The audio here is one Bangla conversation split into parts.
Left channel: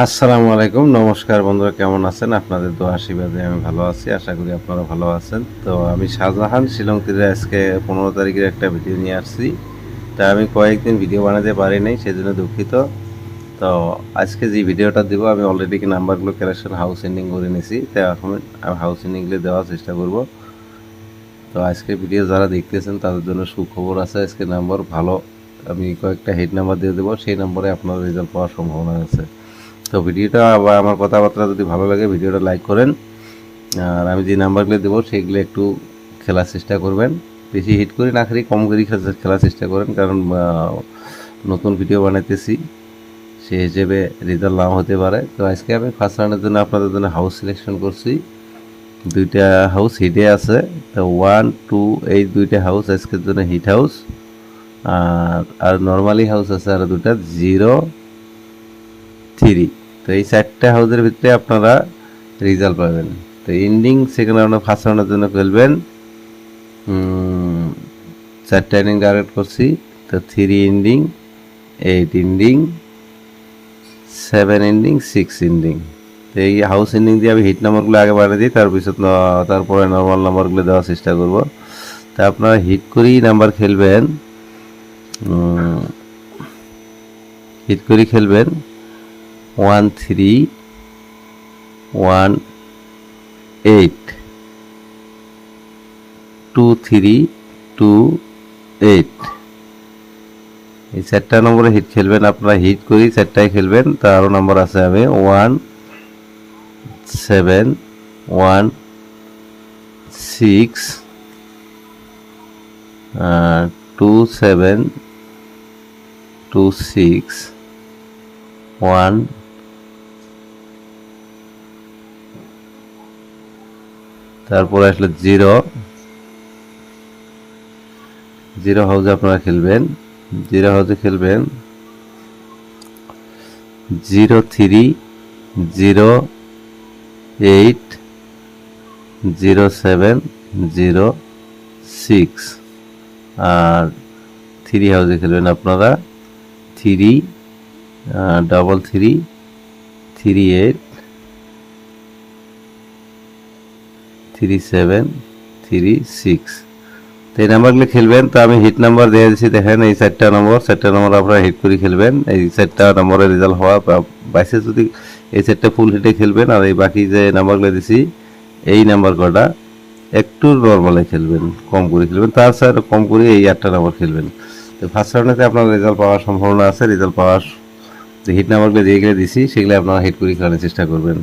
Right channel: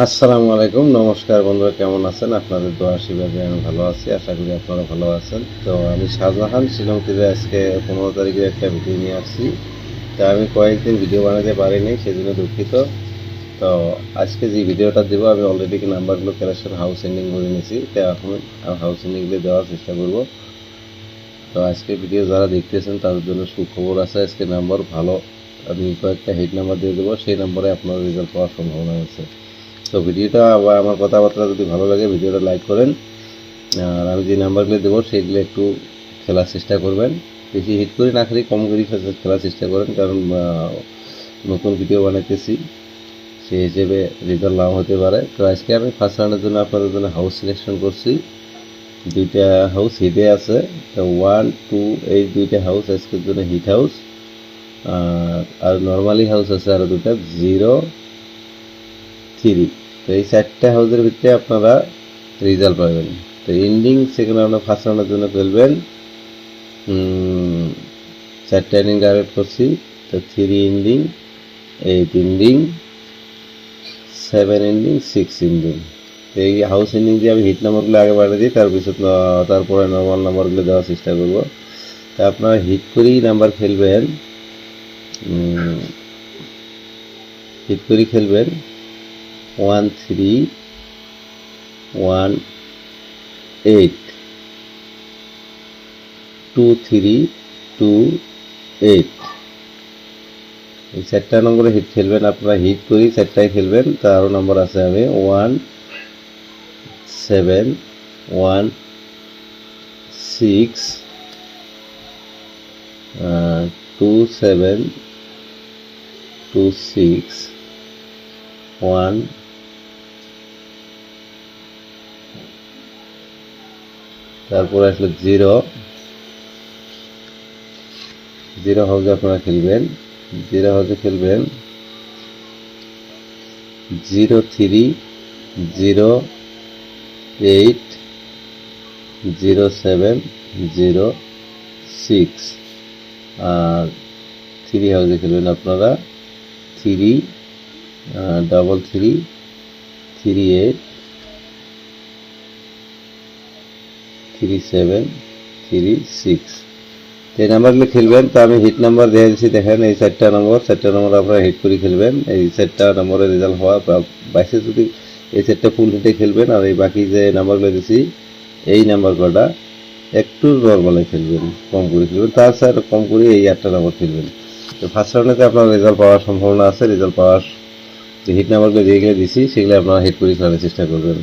আসসালামু আলাইকুম, নমস্কার বন্ধুরা, কেমন আছেন? আপনাদের দোয়া আশীর্বাদে আমি ভালো আছি। আশা করি আপনারা ভালো আছেন। তো আমি শাহজাহান শিলং থেকে আজকে 15 তারিখের একটা ভিডিও নিয়ে আসছি। তা আমি কয়েকদিন ভিডিও বানাতে পারি নাই, সেজন্য দুঃখিত। তো আজকে যে ভিডিওটা দেবো, আমি অলরেডি কি নাম্বারগুলো কালেকশন হাউস এন্ডিং করে নিয়েছি। তো এখন আমি হাউস এন্ডিংগুলো দেওয়ার চেষ্টা করব। তো আজকে ভিডিও যারা দেখতেছেন তাদের জন্য সুখবর আছে। আজকে নাম্বার ভালো, আমি কয়েকটা হেড নাম্বার দিয়ে দেবো, সেই নম্বরে আপনার রেজাল্ট পাওয়ার সম্ভাবনা আছে। তো ভিডিওটা বা আমার কথাবার্তা যদি ভালো লাগে ভিডিওটা লাইক করেন, আর আমি যে নাম্বারগুলো দেবো সেগুলো একটু খেলার চেষ্টা করবেন। বেশি হিট করে না খালি কম করে খেলার চেষ্টা করেন, কারণ নতুন ভিডিও বানাইতেছি, সেই হিসেবে রেজাল্ট নাও হতে পারে। তো আজকে আমি ফার্স্ট রাউন্ডের জন্য আপনাদের জন্য হাউস সিলেকশন করছি। দুইটা হাউস হিটে আছে। তো 1, 2 এই দুইটা হাউস আজকের জন্য হিট হাউস। আর নর্মালি হাউস আছে আরও দুটা, 0, 3। তো এই 4টা হাউসের ভিতরে আপনারা রেজাল্ট পাবেন। তো এন্ডিং সেকেন্ড রাউন্ডে ফার্স্ট রাউন্ডের জন্য খেলবেন। 4টা ইনিং টার্গেট করছি। তো 3 এন্ডিং, 8 এন্ডিং, 7 এন্ডিং, 6 এন্ডিং। তো এই হাউস এন্ডিং দিয়ে আমি হিট নাম্বারগুলো আগে বাড়িয়ে দিই, তারপরে নর্মাল নাম্বারগুলো দেওয়ার চেষ্টা করব। তা আপনারা হিট করেই নাম্বার খেলবেন, হিট করেই খেলবেন। 1, 3, 1, 8, 2, 3, 2, 8। এই 4টা নম্বরে হিট খেলবেন। আপনারা হিট করেই 4টায় খেলবেন। তার আরও নম্বর আছে, আমি 1, 7, 1, 6, 2, 7, 2, 6, 1, তারপরে আসলে 0 হাউসে আপনারা খেলবেন। 0 হাউসে খেলবেন 0, 3, 0, 8, 0, 7, 0, 6। আর 3 হাউসে খেলবেন আপনারা 3, 3, 3, 8, 3, 7, 3, 6। তো এই নাম্বারগুলো খেলবেন। তো আমি হিট নাম্বার দিয়ে দিচ্ছি, দেখেন এই 4টা নম্বর আপনারা হিট করে খেলবেন। এই 4টা নম্বরের রেজাল্ট হওয়া বাইসে যদি এই 4টা ফুল হিটে খেলবেন, আর এই বাকি যে নাম্বারগুলো দিচ্ছি এই নাম্বার কটা একটু নর্মালে খেলবেন, কম করে খেলবেন। তার স্যার কম করে এই 8টা নাম্বার খেলবেন। তো ফার্স্ট রাউন্ডে আপনার রেজাল্ট পাওয়ার সম্ভাবনা আছে। রেজাল্ট পাওয়ার যে হিট নাম্বারগুলো যেগুলো দিচ্ছি সেগুলো আপনারা হিট করে খেলানোর চেষ্টা করবেন।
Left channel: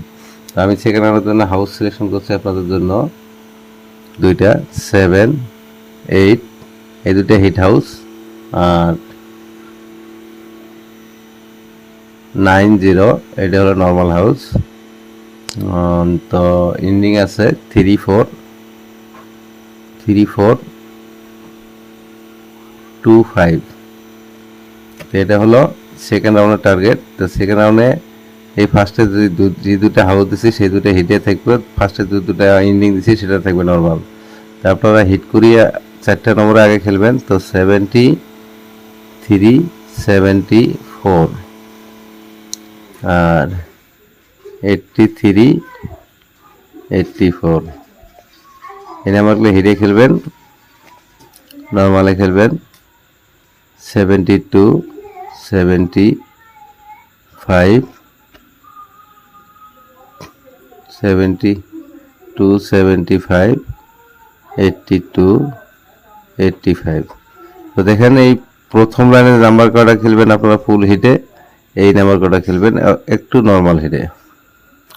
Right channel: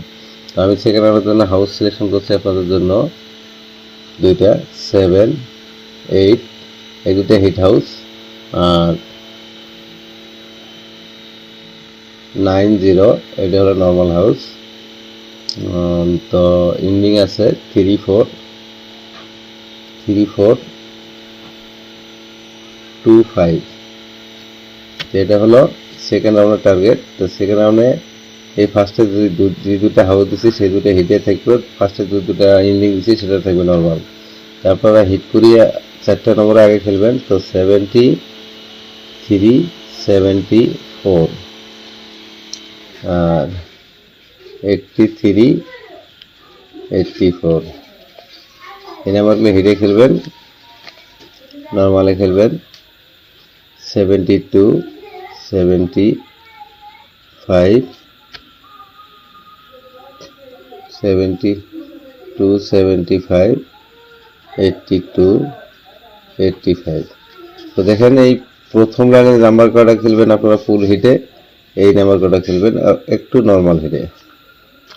তো আমি সেকেন্ড রাউন্ডের জন্য হাউস সিলেকশন করছি আপনাদের জন্য দুইটা, 7, 8, এই দুটো হিট হাউস। আর 9, 0 এটা হলো নর্মাল হাউস। তো এন্ডিং আছে 3, 4, 3, 4, 2, 5। তো এটা হলো সেকেন্ড রাউন্ডের টার্গেট। তো সেকেন্ড রাউন্ডে এই ফার্স্টে যে দুটো হাউস দিচ্ছি সেই দুটো হিটে থাকবে, ফার্স্টে যে দুটো এন্ডিং দিচ্ছি সেটা থাকবে নর্মাল। তো আপনারা হিট করিয়ে 4টা নম্বরে আগে খেলবেন। তো 73, 74 আর 83, 84 এই নাম্বারগুলো হিটে খেলবেন, নর্মালে খেলবেন। 72, 75, 72, 75, 82, 85। তো দেখেন এই প্রথম লাইনের নাম্বার কটা খেলবেন আপনারা ফুল হিটে, এই নাম্বার কটা খেলবেন একটু নর্মাল হিটে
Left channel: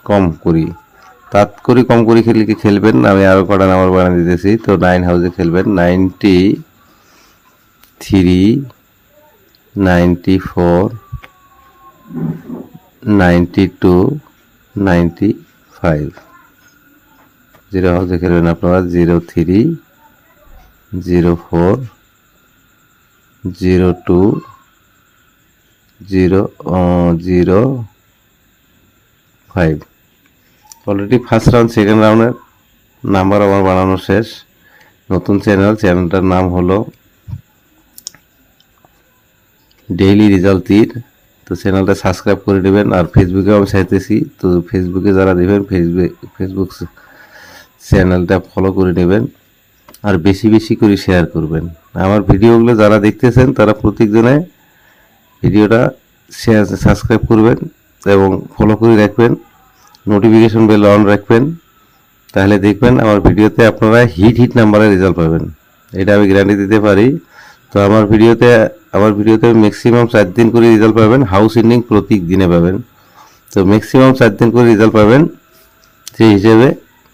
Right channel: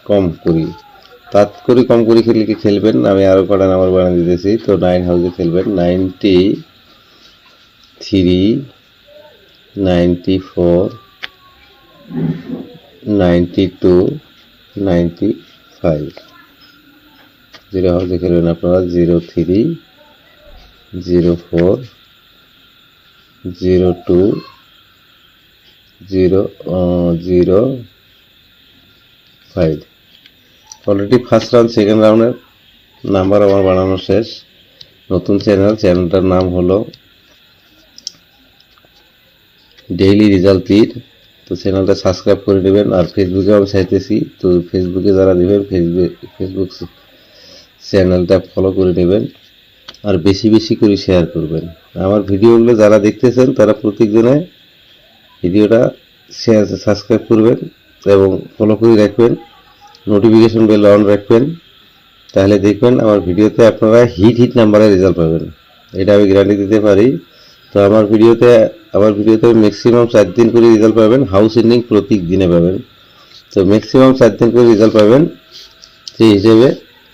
কম করি, কম করি খেলবেন। আমি আরও কটা নাম্বার বানিয়ে দিতেছি। তো 9 হাউসে খেলবেন 93, 94, 92, 95। 0 হাউসে খেলবেন আপনারা 03, 04, 02, 005। অলরেডি ফার্স্ট রাউন্ড সেকেন্ড রাউন্ডের নাম্বার আমার বানানো শেষ। নতুন চ্যানেলটার নাম হলো ডেইলি রেজাল্ট তীর। তো তো চ্যানেলটা সাবস্ক্রাইব করে নেবেন। আর ফেসবুকেও আমি চাইতেছি, তো ফেসবুকে যারা দেবেন ফেসবুক চ্যানেলটা ফলো করে নেবেন আর বেশি বেশি করে শেয়ার করবেন। আমার ভিডিওগুলো যারা দেখতেছেন তারা প্রত্যেকজনে ভিডিওটা শেয়ার সাবস্ক্রাইব করবেন এবং ফলো করে রাখবেন, নোটিফিকেশন বেল অন রাখবেন। তাহলে দেখবেন আমার ভিডিওতে আপনারা হিট নাম্বারে রেজাল্ট পাবেন, এটা আমি গ্যারান্টি দিতে পারি। তো আমার ভিডিওতে ম্যাক্সিমাম 4 দিন করে রেজাল্ট পাবেন, হাউস এন্ডিং প্রত্যেক দিনে পাবেন। তো ম্যাক্সিমাম 4 দিন করে রেজাল্ট পাবেন, সেই হিসেবে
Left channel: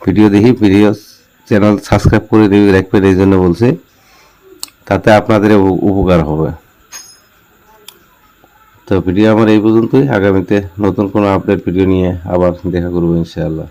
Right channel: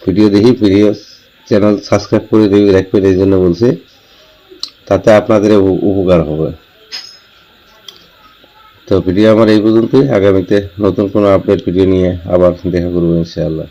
ভিডিও চ্যানেল সাবস্ক্রাইব করে রাখবেন, এই জন্য বলছি, তাতে আপনাদের উপকার হবে। তো ভিডিও আমার এই পর্যন্তই। আগামীতে নতুন কোনো আপডেট ভিডিও নিয়ে আবার দেখা করবো ইনশাআল্লাহ।